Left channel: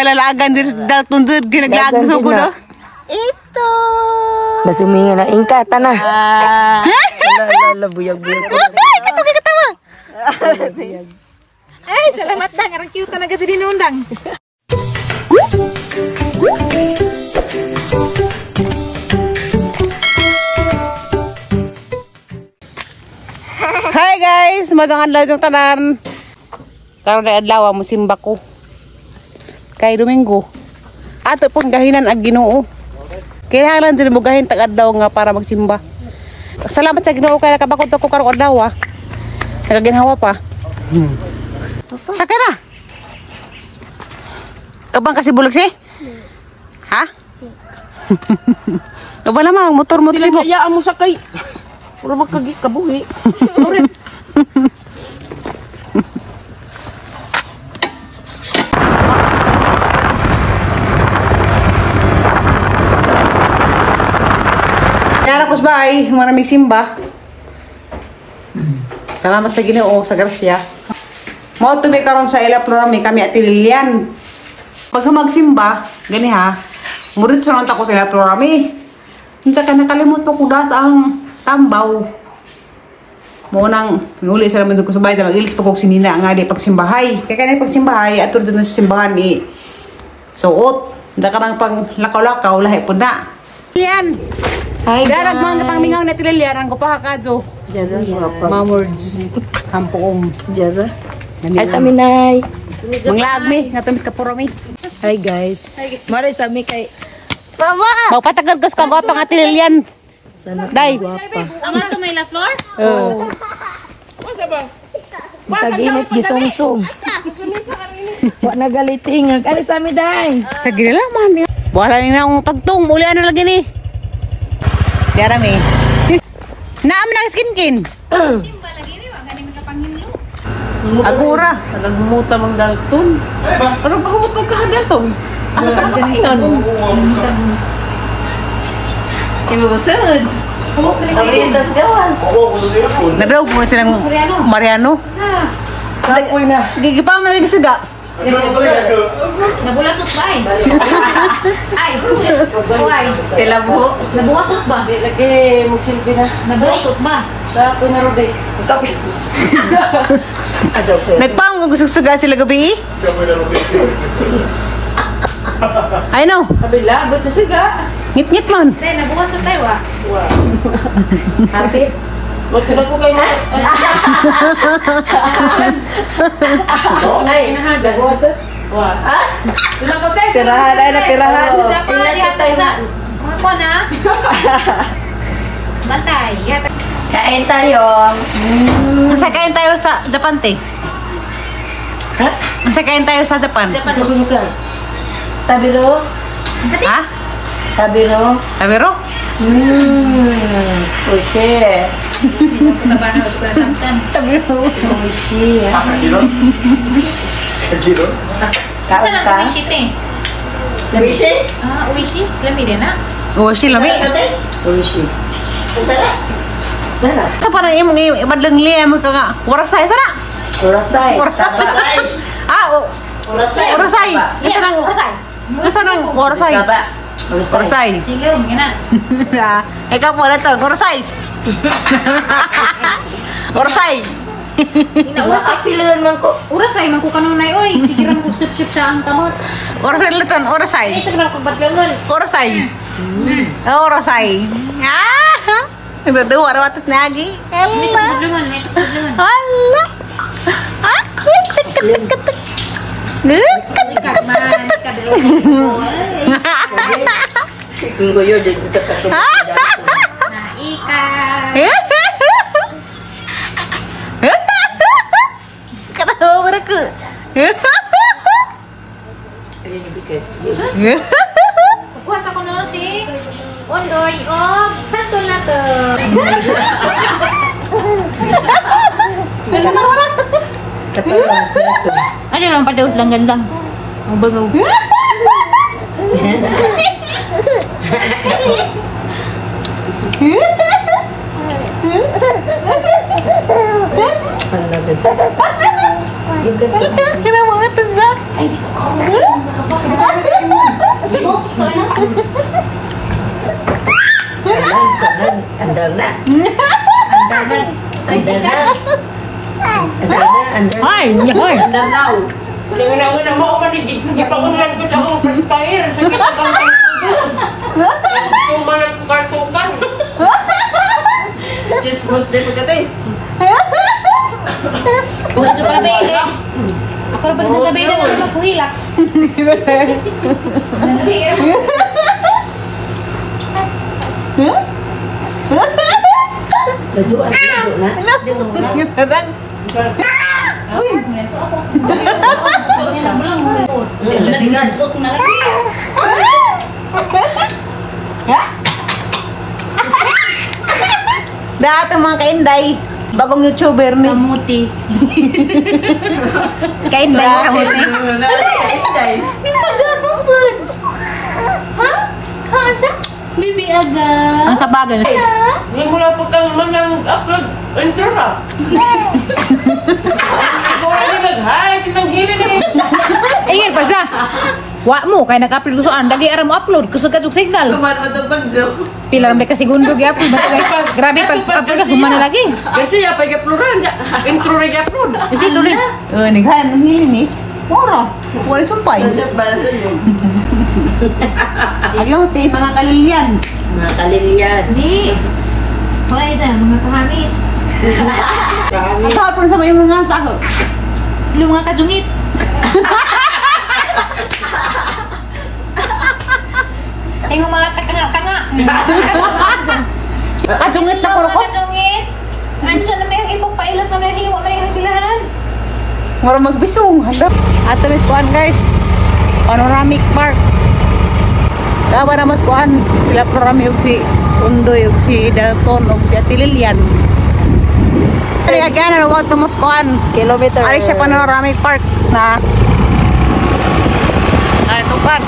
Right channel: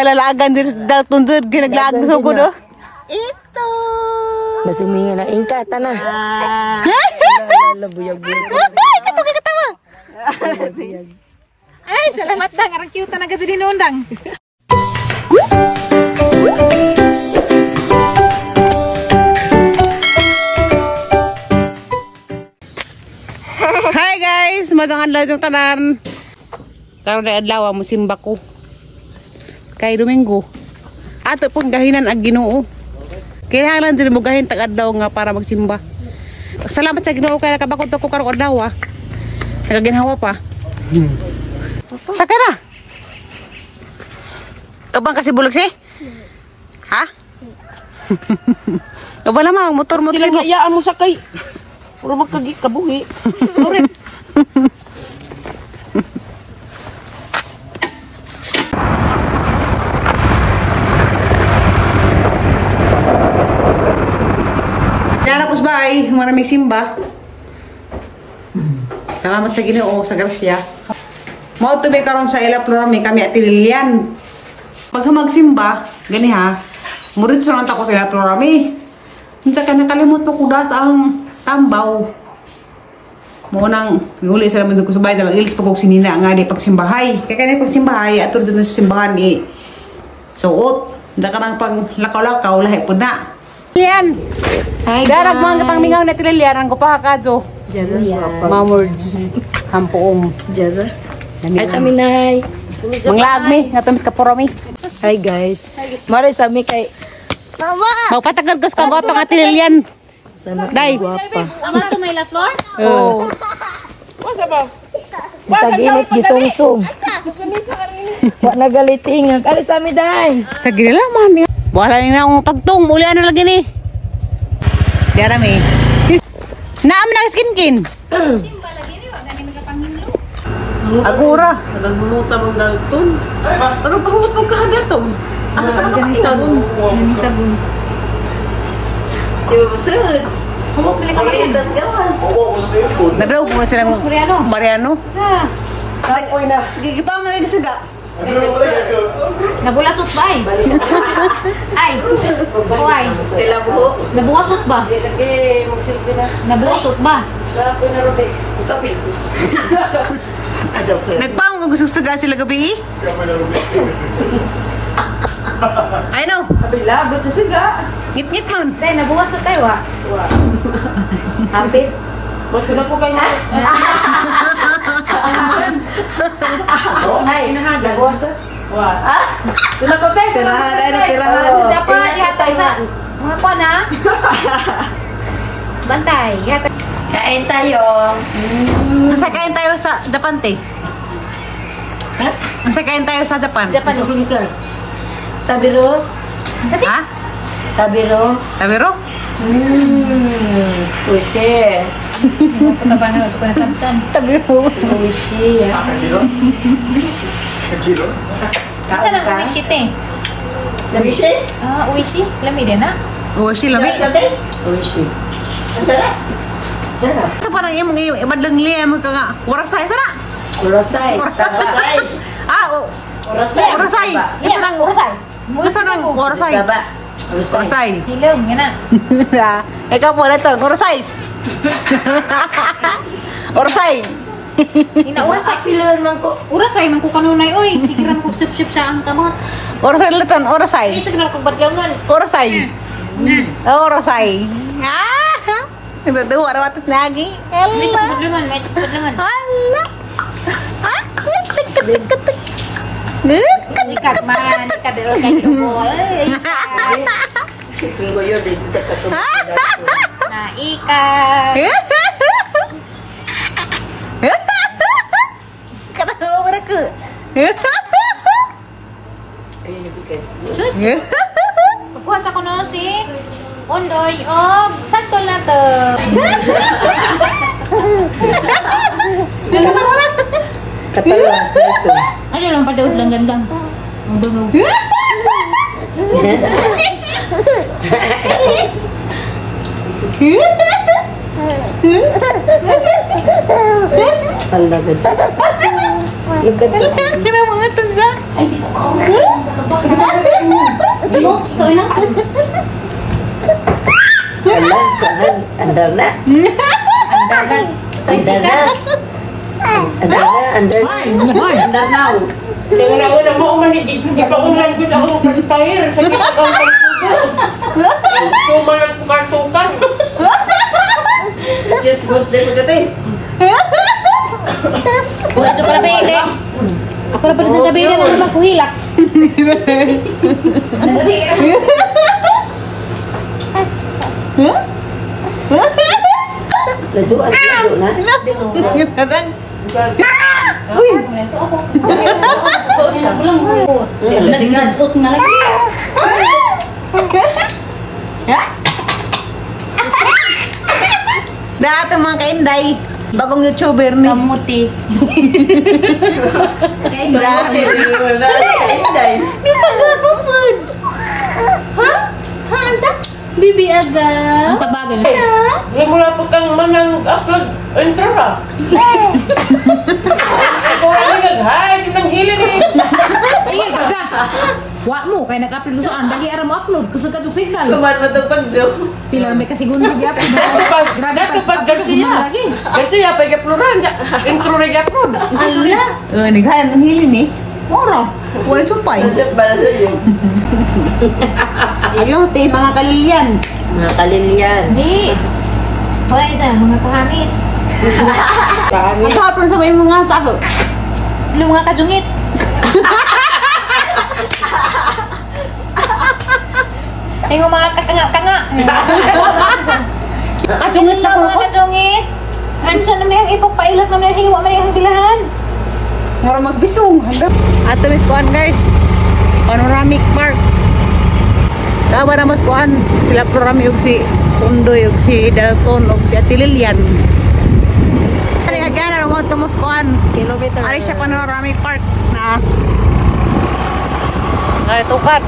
Halalagan din dal tunjud ginaglaag sa sugod do. Ito. Masumingan na ingka tanah. Buyag-buyag. Katawa. Ay, salamat dang. Arang cute na jadi nundang. Hi guys, magandang adlaw yung tanan. Karon na adlaw mo simba ko. Kay Domingo. Ato pong gahinan ag Ginoo. Kailangan din mo gahin tag adlaw nga para magsimba. Salamat sa Ginoo kay nakabakod ko karong adlaw. Nagaginhawa pa. Saka na. Kabang kasi bulog si? Ha? Kabang naman, motor-motor si mo. Sila mo sakay. Puro magkabuhi. Kaya na ba ay maraming simba. Salamat sa Ginoo sa grasya. Mao tumi karon sa Ila Florami kami at Lilian. Pag magsimba, gani ha. Murid sa nanta ko sa Ila Florami. Unsa ka nakalimot pa kudas ang tambaw. Mo nang miuli sila man ko subay sa magilis pag sinina nga di pagsimbahay. Kaya kanay pagsimbahay atud din sa simbahan ni suot. Da karang pang lakaw-lakaw lahi pud na. Lilian. Hi guys. Darag mga pangmingaw na Lilian ang kupahakadyo. Jara guapa. Mawords. Hampoong. Jara. Ay sa minay. Manglagmi nga tamis ka purami. Hi guys. Mari sa mi kay Mama! Magpatagal kas ka gwapa nga Lilian. sana Day. guapa. Ama to may la floor? Oo. Saginit gisungsung. Wa nagaliting. Ali sa mi day. Sa gila man. Wala ni na akong pagtung. Muli ano lagi ni. Diarami. Naam na skinkin. Agura. Nagmuta mong dalton. Ano ba humot mong kahadalton? Ano ka sabon? Sabon. Kaya busod. Humot pala ka rin. Nadaw po silang Mariano. Gigipa mo rin siga. Nabulasot ba ay? Ay, buhay. Sila buhok. Nabuwasot ba? Lagi magsilbi na. Nabuwasot ba? Sa ako na rode. Nagpang gusto siga sila gabi. I know. Kabila, ba't sa siga? Ngit-ngit man. Dahil nabuwasot tayo ah. Wow. Happy? Ba't ko na po kayo? Ay, nabuwasot? Wow. Tula ko te, tirahan ay na tirahan. Japan, hatay sa... Mga ko na. Bantay. Kain tayo. Nasa kain tayo sa Japan, te. Ha? Nasa kain tayo sa Japan. Japanese. Tabiro? Ha? Tabiro? Tabiro? Oke. Katabanan ko sa samtan. Tabiro. Oishi. Saan ang uishi te? Oishi? Ah, uishi? Lami din na? Oh, sila mi. Oishi. Sarap. Sarap. Sa parang imong ibadlang liya mo ka nga. Warasay sana. Urasay. Warasay. Ah, oh. Urasay. Warasay. Iya, Isa nang urasay. Isa nang warasay. Saba. Warasay. Hilaw, nga na. Ah, ikaw po na to. Warasay. Warasay. Inaurasay. Pilihan man ko. Urasay, man ko kanunay, oy. Sigiran ko sip-sip sa ang kamot. Warasay latan. Warasay. Ito ka kong badlangan. Warasay. Warasay. Ah. Nagdadawa na matas nagi. May Ella. badlangan, may badlangan. Hala. Ah. Tik-tik-tik-tik. Ikat man, kabiro boy. Minggo yun din sa katong. Na ikat. Katawa mo na ko. Pagkuhas ako no si Ondoy og santo na to. Katawa na. Katawa. Ano lang padaot lang gandang. Mabangog. Kena mga tazak. Ay, hoy. Yang nawan na mo man gipaunlan ko ako perspire sa kitagaw kay tuyo. Cuma tukar-tukar. Just bus din magate. Bukan pala pwede. Ako na pala dyan gabi na naman makuhila. Nagsadot nga lagi. Dati mga kainday, bagong YouTuber ni. Kamuti. Kain ba? Kamuti. Bibi agad. Ang tabagan. Di mo na pagkang manang upload intro ba? Ikaw ang nag-hi, sinang hili ni. Ingin pa siya. Wa mo, kaya nag-upload ko saan. Dagi ara mo upload. Kasagad yung signal. Kuman mo ito pag-joke. Pila may kasigundo gi-upload. Grabe pag-upload humana lagi. Kasi ya pag-uploadan, intro na i-upload. Sorry. Naghahan ng hili ni. Moro. Wala sumpay. Ayaw, te, mga kalilyan. Mga kalilyan. Di. Wala isa, mga kahamis. Ang hapon sa may mga saho. Lu mga kajungit. Tingong mga katanga-tanga. Kajungit na mga kajungit. Ansa na may ipok pailot na may hiwa man yung hilahan. Moro magbisong. Ato mis kuan guys. Panoramic Park. Kawa na mas kuan sila programi og si Undoy og si Dalton og si Ate Lilian. Kaya gana mo to mas kuan. Kilometer. Ari sa Panoramic Park na ay tukad.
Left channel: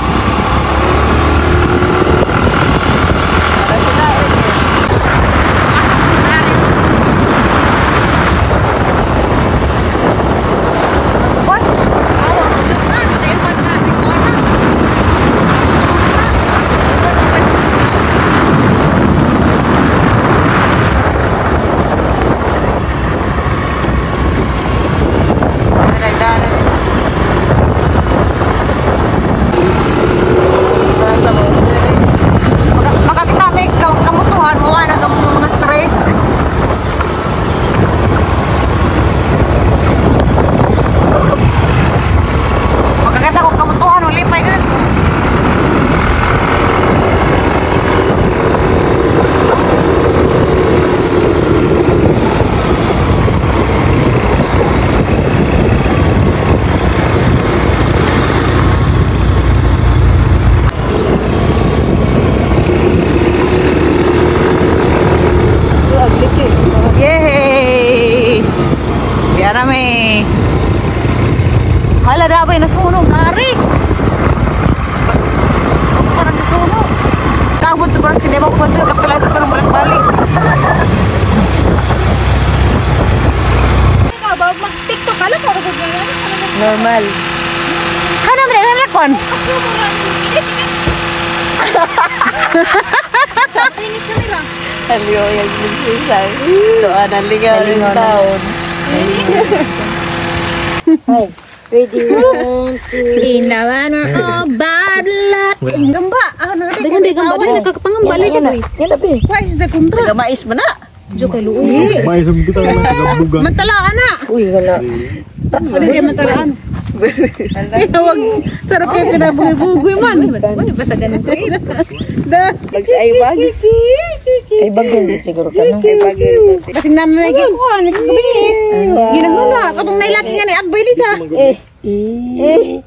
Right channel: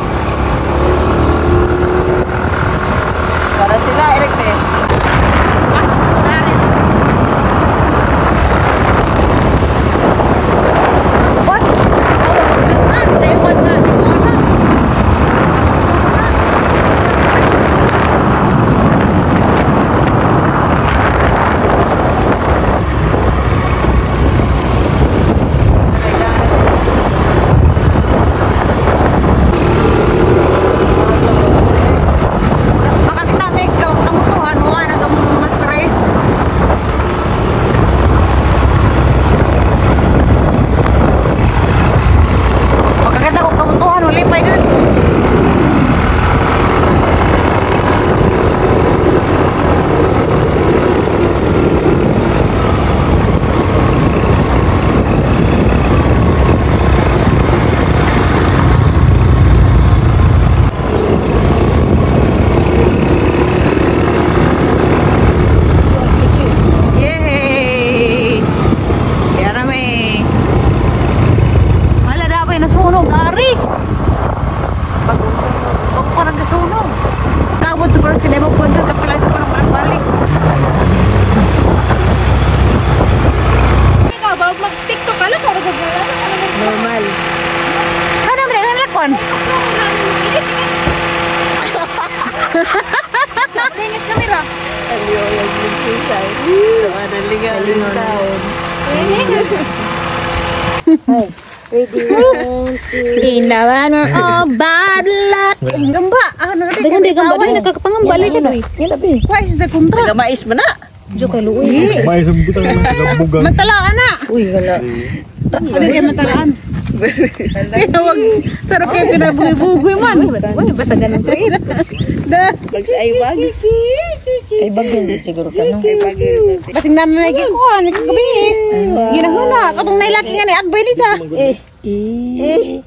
Nasunog dari. Ako parang nasunog. Kabot sa course kinebo punta kapila sa parang balik-balik. Ikaw ba mag-TikTok ka lang para gud nga Normal. Hanam na ang lakon. Linis kamera. Aliyo yung ginsan. So, anong ligaw taon. Ginawan o bad luck. Gamba, ano na Dagan di gamba na nakakapangambali ka na. Yan abi. Why is the kontra? Gamais mo na. Jo ka luoy. Maisam kita lang tagabugan. Matalaan na. Uy, wala. Ano kaya matalaan? Wag sarap kayo pinabugoy-bugoy man. Uy, basta ganun ko. Da. Ay, bagis. Ay, bagil din siguro ka, no? Ay, bagil. Basing nanay ko ano kagabi. Ginahuna katong nailaki nga ni Agboy ni sa.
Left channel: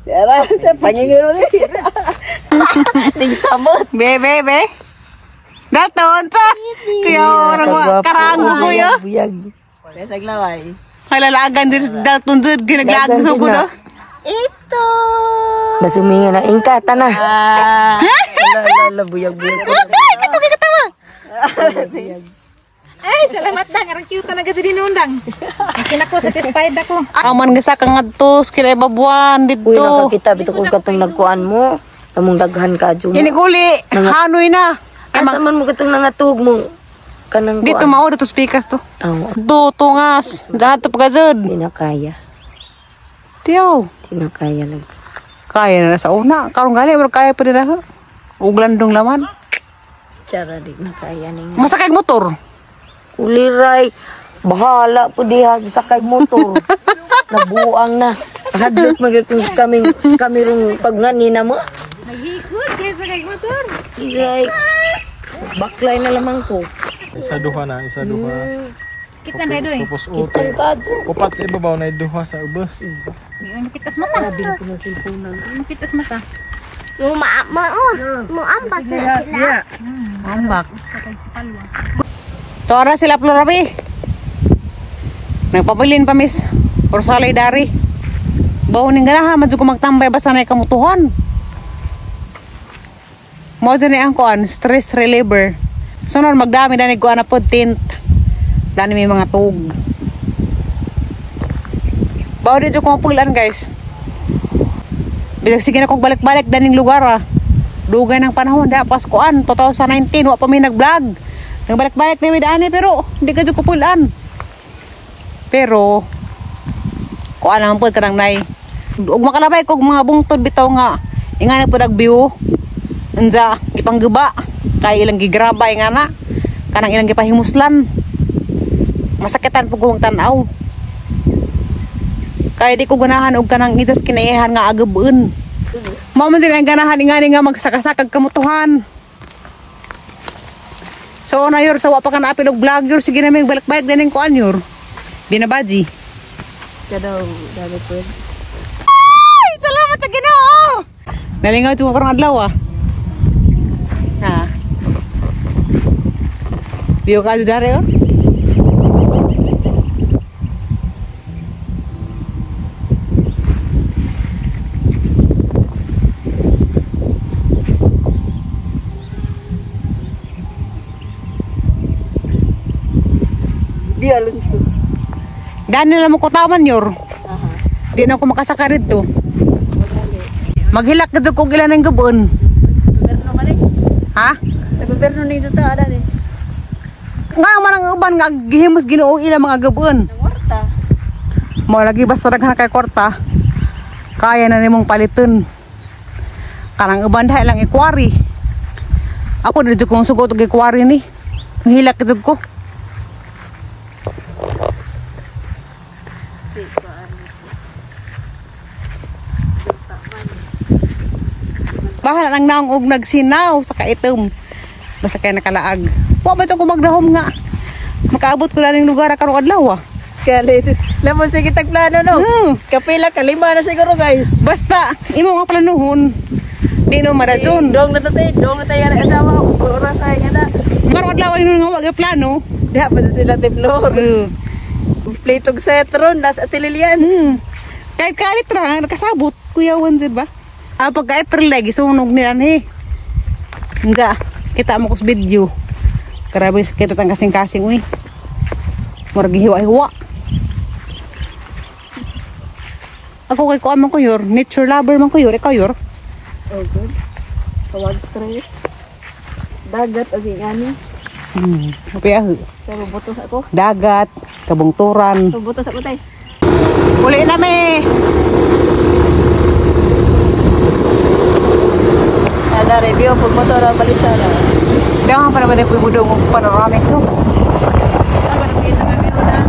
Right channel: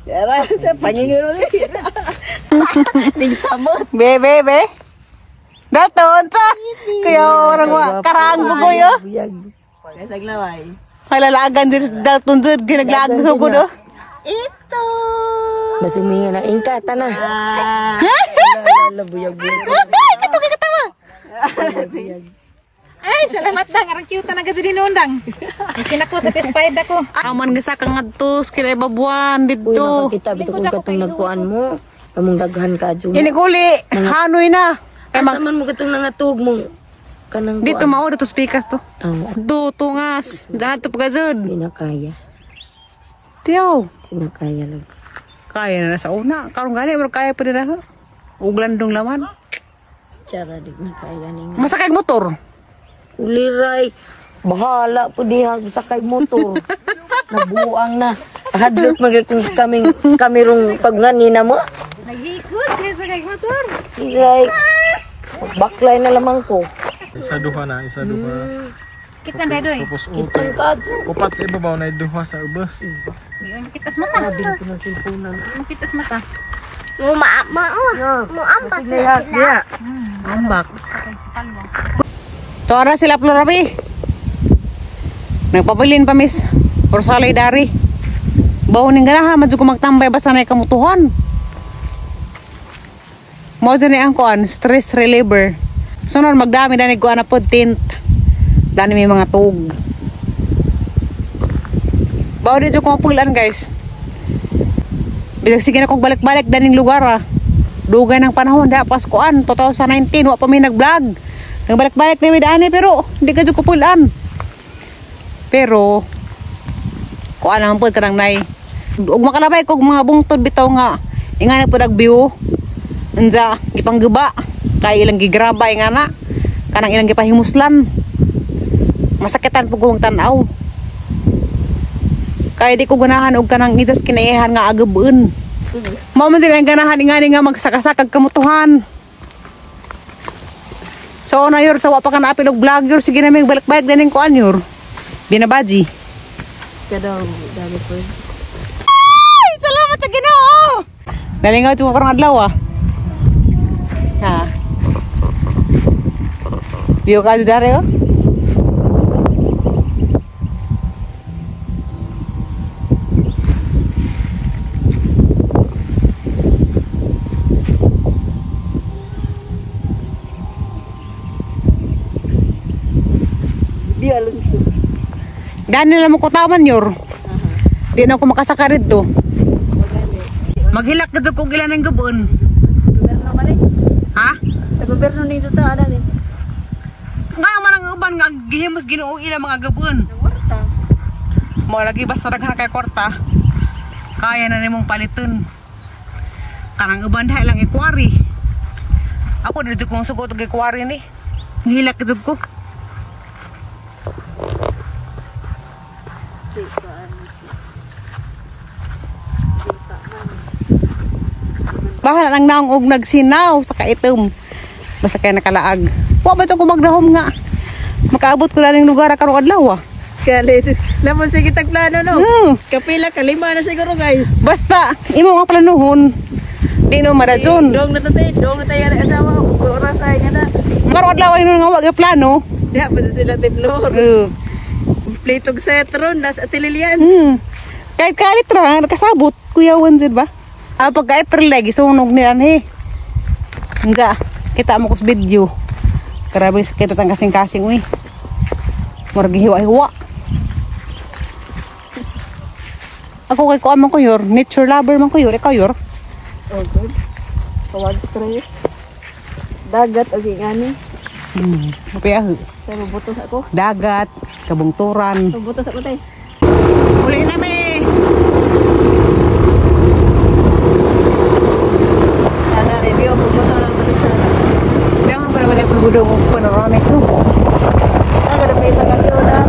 Tara, panyanyuro niya. Tingsamot. Be. Daton sa. Kaya orang wa karang bugoy oh. Buyag. Besag laway. Halalagan din daton jud ginaglag sa ko do. Ito. Masuminga na ingkata na. Buyag. Katawa. Ay, salamat dang. Arang cute na gajud dinundang. Kinako satisfied ako. Aman gasa kang adtos kila babuan Uy, dito. nakakita bito kung katong nagkuan mo. Among daghan ka, Jun. Ini kuli hanoy na. Asa man mo katong nangatug mo. kanang Dito mao dito spikas to. Oh, Do tungas. Daan to pagazod. di na kaya. Tiyo. Di na kaya lang. Kaya na sa una. Karong gali pero kaya pa nila. Ug landong laman. Cara di na kaya ning. Masakay og motor. Uliray. Bahala po diha sakay motor. Nabuang na. Hadlot kami rong kagngani na mo. Nagikot, kaya sa nagikot. Uliray. Baklay na lamang ko. Isa duha na, isa duha. Kita na doy. Tapos okay. Upat sa ibabaw na duha sa ubos. Ngayon kitas mata. Ngayon kitas mata. Ambak. Tora sila Florami. Nagpabilin pa miss. Orsalay dari. Bawo ning ganahan man jud ko magtambay basta na kamutuhan. Mo dyan ni ang kuan, stress reliever. Sunod magdami danig kuan na pod tint. Dani may mga tug. Bawo di jud ko mapulan guys. Bilang sige na kong balik-balik daning lugar ah. Dugay ng panahon da Paskuan 2019 wa pa mi nag-vlog. Nagbalik-balik na mi daani pero hindi ka jud ko pulan. Pero kuan lang pod kanang nay. Ug makalabay kog mga bungtod bitaw nga ingana pod ag view. Unsa gipangguba kay ilang gigraba ingana kanang ilang gipahimuslan. Masakitan pug kong tan-aw. Kaya di ko ganahan og kanang itas kinaihan nga agabeun. Mao man sila ang ganahan ingani nga magsakasakag kamutuhan. So na yor sa wa pa ka naapil og vlogger sige na may balik-balik dining kuan yor. Binabaji. Kadaw dali po. Ay, salamat sa Ginoo. Nalingaw tuwa karong adlaw ah. Ha. Biyo ka dare oh. Di Alonso. Dani lang mo kutaman yor. Di na ako makasaka rito. Maghilak na ko ilan ng gabon. Ha? Sa gobyerno ni sa taada ni. Nga man ang uban nga gihimos Ginoo ila mga gabon. Warta. Mo lagi basta daghan kay kwarta. Kaya na nimong paliton. Kanang uban dahil lang ikwari. Ako dito kong sugot og ikwari ni. Hilak jud ko. Bahala nang naong og nagsinaw sa kaitom. Basta kay nakalaag. Wa ba ko magdahom nga. Makaabot ko na ning lugar karong adlaw ah. Kali. Lamon sige tag plano no. Kapila kalima na siguro guys. Basta imo nga planuhon. Di no maradyon. Dong na tayo ara adawa oras ay ngada. Karong adlaw ino nga wa plano. Diha pa sila tiplor. Plitog setron das atililian. Kahit kalit ra nakasabot kuyawan jud ba? Ah, pagka April lagi sunog nilan he. Nga, kita mo ko sa video. Grabe kita sang kasing-kasing uy. Murag hiwa-hiwa. Ako kay kuan man ko yor, nature lover man ko yor, ikaw yor. Oh good. Kawag stress. Dagat og ingani. Mapiyahu. Pero butos ako. Dagat, kabungturan. Butos ako tay. Uli na me. Ada review pag motor ang balisan. Dahan para pada pulbudong panoramic no. Ang review sa review na.